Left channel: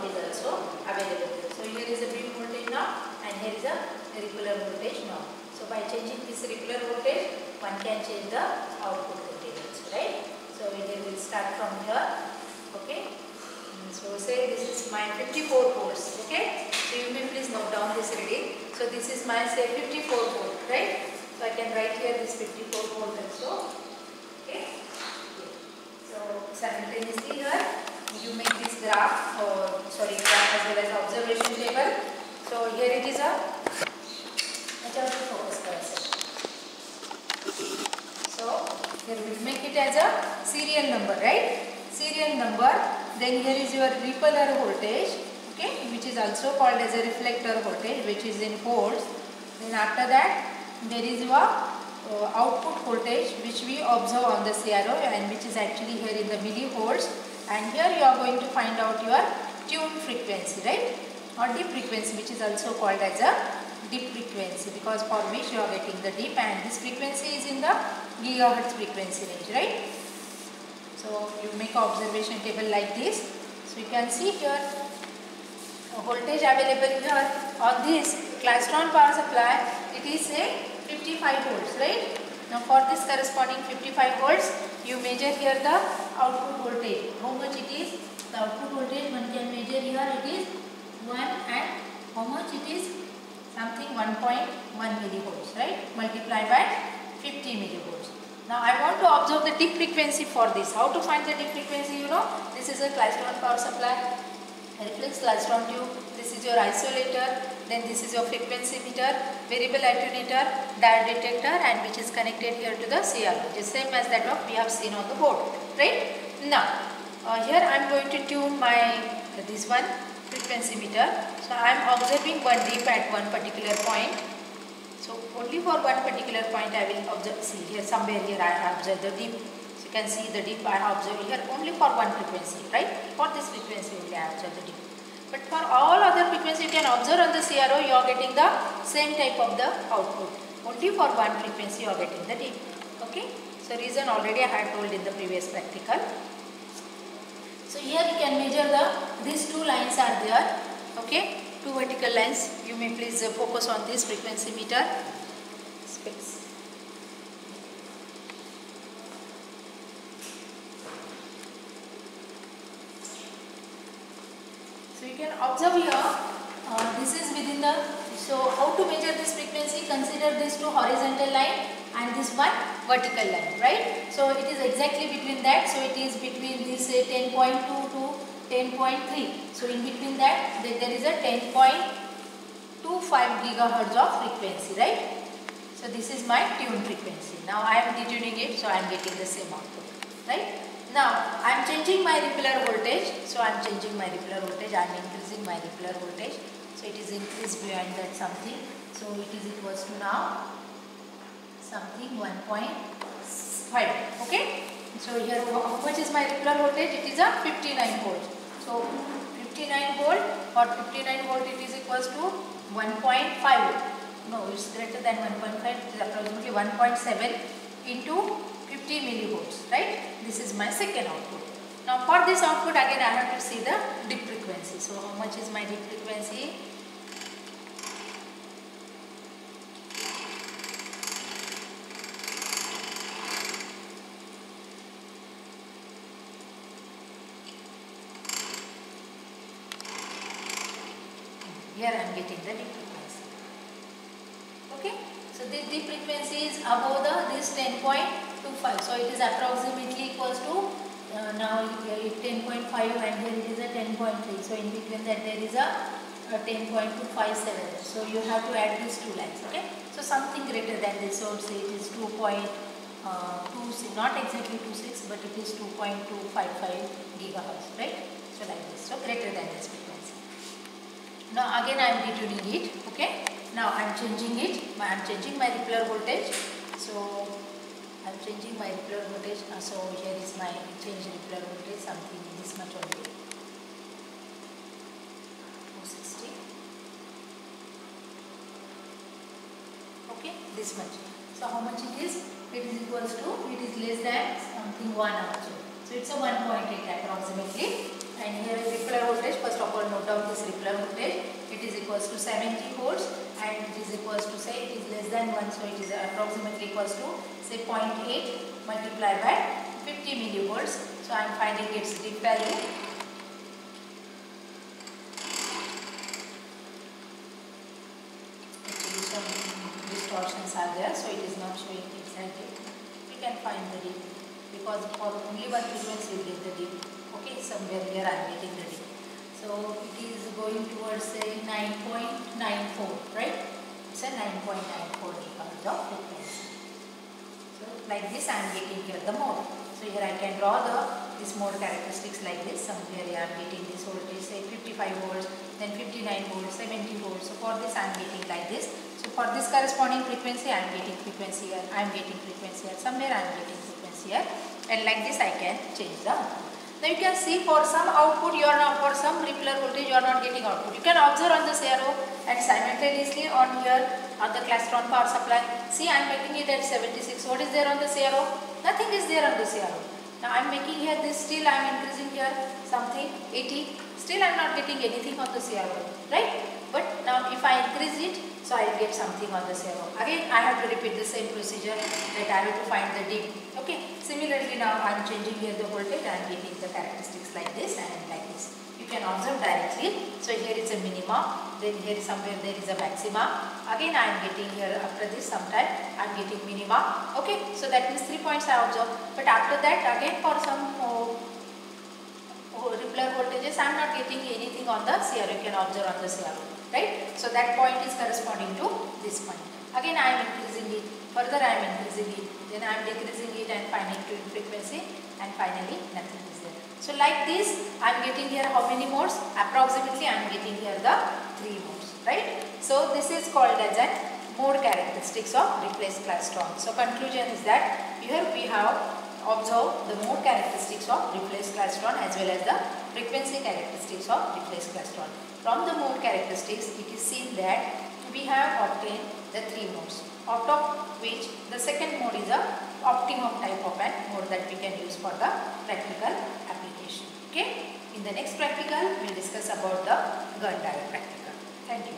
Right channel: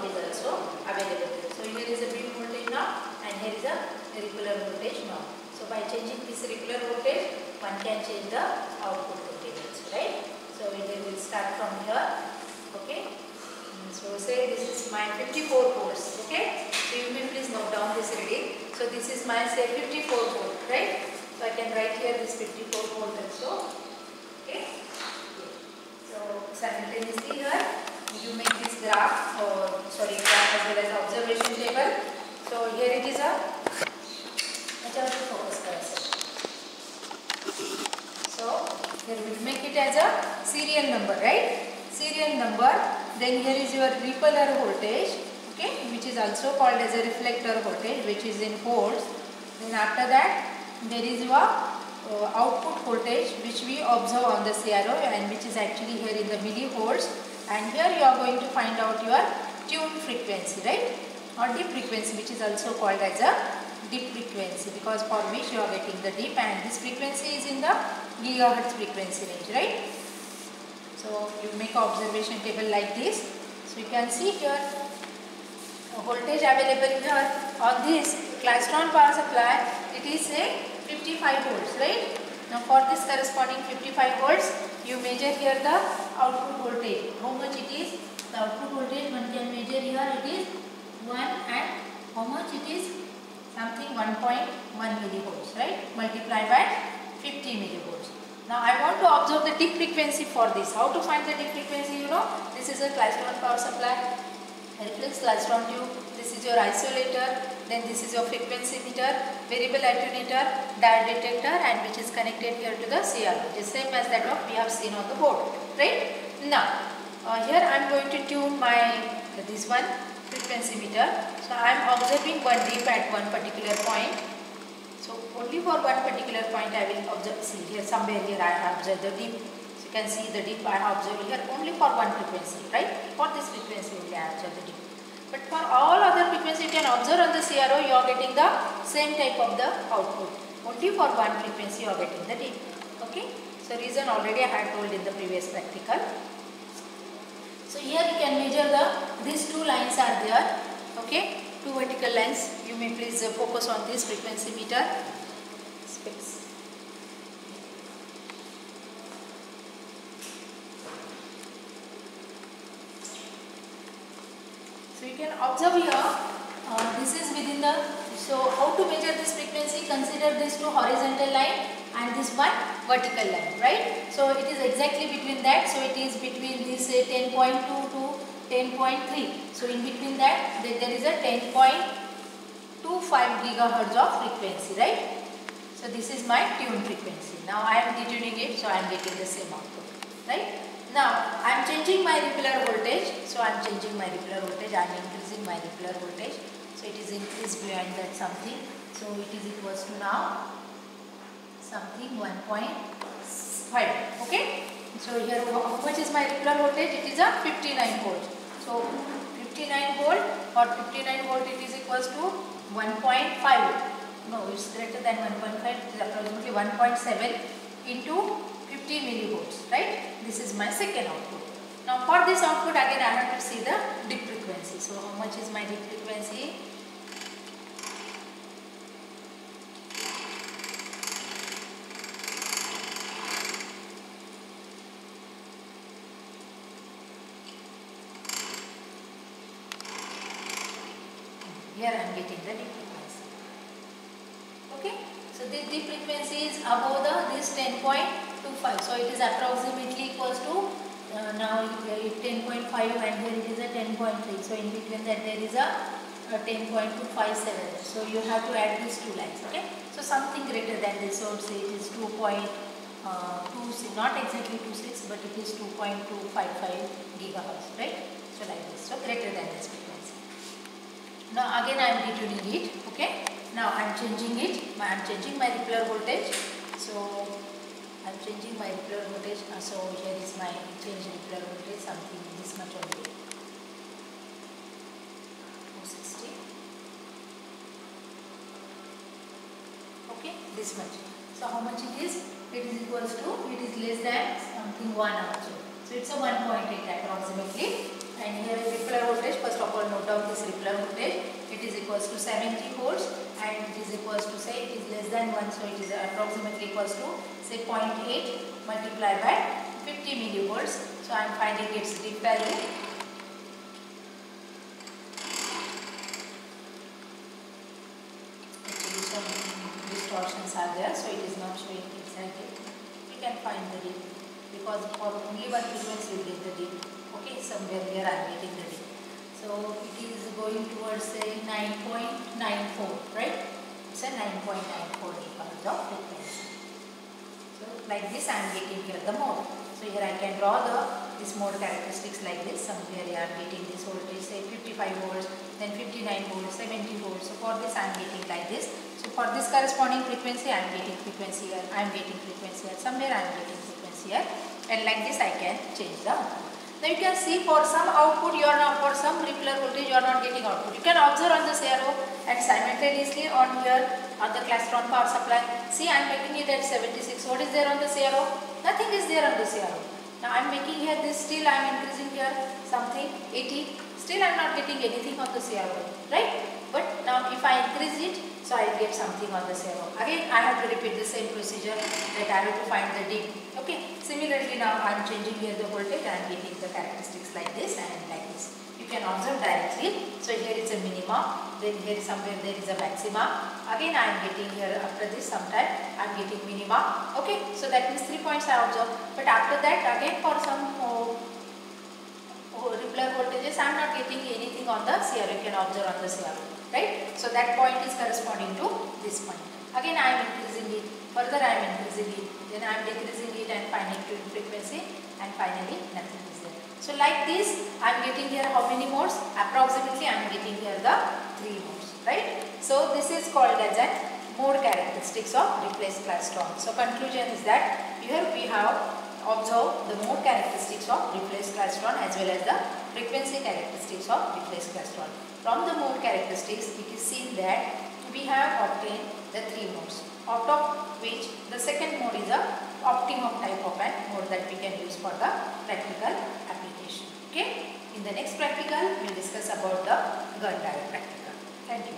voltage also available. So here is a beam voltage now and here is a regular voltage now. So by changing this regular voltage, one can change the output voltage also, right? So here we will start from here, okay? So say this is my 54 volts, okay? So you may please note down this reading. So this is my say 54 volt, right? So I can write here this 54 volt also, okay? So simultaneously here you make this graph graph as well as observation table. So here it is a focus cursor. So here we will make it as a serial number, right? Serial number. Then here is your repeller voltage, okay, which is also called as a reflector voltage, which is in volts. Then after that there is your output voltage, which we observe on the CRO and which is actually here in the millivolts. And here you are going to find out your tune frequency, right, or dip frequency, which is also called as a dip frequency, because for which you are getting the dip, and this frequency is in the gigahertz frequency range, right? So you make an observation table like this. So you can see here voltage available here on this Klystron power supply. It is a 55 volts, right? Now for this corresponding 55 volts, you measure here the output voltage. How much it is? The output voltage one can measure here. It is 1, and how much it is? Something 1.1 millivolts, right? Multiply by 50 millivolts. Now I want to observe the dip frequency for this. How to find the dip frequency? You know, this is a Klystron power supply, reflex Klystron tube. This is your isolator. Then this is your frequency meter, variable attenuator, diode detector, and which is connected here to the CR, which is same as that what we have seen on the board, right? Now here I am going to tune my this one frequency meter. So I am observing one dip at one particular point. So only for one particular point I will observe. See here, somewhere here I observe the dip. So you can see the dip I observe here only for one frequency, right? For this frequency only I observe the dip. But for all other frequency you can observe on the CRO, you are getting the same type of the output. Only for one frequency you are getting the dip. Okay. So reason already I had told in the previous practical. So here you can measure these two lines are there. Okay. Two vertical lines. You may please focus on this frequency meter. Specs. So you can observe here, this is within the, so how to measure this frequency? Consider this two horizontal line and this one vertical line, right? So it is exactly between that, so it is between this 10.2 to 10.3. So in between that there is a 10.25 gigahertz of frequency, right? So this is my tune frequency. Now I am detuning it, so I am getting the same output, right? Now I am changing my repeller voltage. So I am changing my repeller voltage. I am increasing my repeller voltage. So it is increased behind that something. So it is equals to now something 1.5. Okay. So here how much is my repeller voltage? It is a 59 volt. So 59 volt or 59 volt it is equals to 1.5. No, it's greater than 1.5. It is approximately 1.7 into 50 millivolts, right? This is my second output. Now for this output again I have to see the dip frequency. So how much is my dip frequency? Here I am getting the dip frequency. Okay. So this dip frequency is above this 10.25. So it is approximately equals to now 10.5 and here it is a 10.3. So in between that there is a 10.257. So you have to add these two lines. Okay. So something greater than this. So say it is 2.26, not exactly 26, but it is 2.255 gigahertz, right? So like this. So greater than this frequency. Now again I am detuning it. Okay. Now I am changing it. I am changing my repeller voltage. So I am changing my repeller voltage. So here is my change repeller voltage, something this much only. 260. Okay, this much. So how much it is? It is equals to, it is less than something 1 also. So it's a 1.8 approximately. And here is repeller voltage. First first of all note down this rippler voltage. It is equals to 70 volts and it is equals to, say, it is less than 1, so it is approximately equals to, say, 0.8 multiplied by 50 millivolts. So I am finding its dip value. Actually some distortions are there, so it is not showing exactly. We can find the dip because for only one frequency you get the dip. Okay, somewhere here I am getting the dip. So it is going towards, say, 9.94, right? It's a 9.94 gigahertz of frequency. So like this I am getting here the mode. So here I can draw this mode characteristics like this. Somewhere here I am getting this voltage, say 55 volts, then 59 volts, 70 volts. So for this I am getting like this. So for this corresponding frequency I am getting frequency here, I am getting frequency here, somewhere I am getting frequency here, and like this I can change the output. Now you can see for some output you are not, for some rippler voltage you are not getting output. You can observe on the CRO and simultaneously on here on the Clastron power supply. See, I am making it at 76. What is there on the CRO? Nothing is there on the CRO. Now I am making here this, still I am increasing here something 80. Still I am not getting anything on the CRO, right? But now if I increase it, so I will get something on the CRO. Again I have to repeat the same procedure that I have to find the dip. Okay. Similarly now I am changing here the voltage, I am getting the characteristics like this and like this. You can observe directly. So here is a minima, then here is somewhere there is a maxima. Again I am getting here after this sometime I am getting minima. Okay. So that means 3 points I observe. But after that again for some rippler voltages I am not getting anything on the CRO. You can observe on the CRO. Right? So that point is corresponding to this point. Again I am increasing it, further I am increasing it, then I am decreasing it and finding to frequency, and finally nothing is there. So like this I am getting here how many modes? Approximately I am getting here the 3 modes. Right? So this is called as a mode characteristics of replaced klystron. So conclusion is that here we have observed the mode characteristics of replaced klystron as well as the frequency characteristics of replaced klystron. From the mode characteristics, it is seen that we have obtained the 3 modes, out of which the second mode is a optimum type of an mode that we can use for the practical application. Okay. In the next practical, we will discuss about the gun diode practical. Thank you.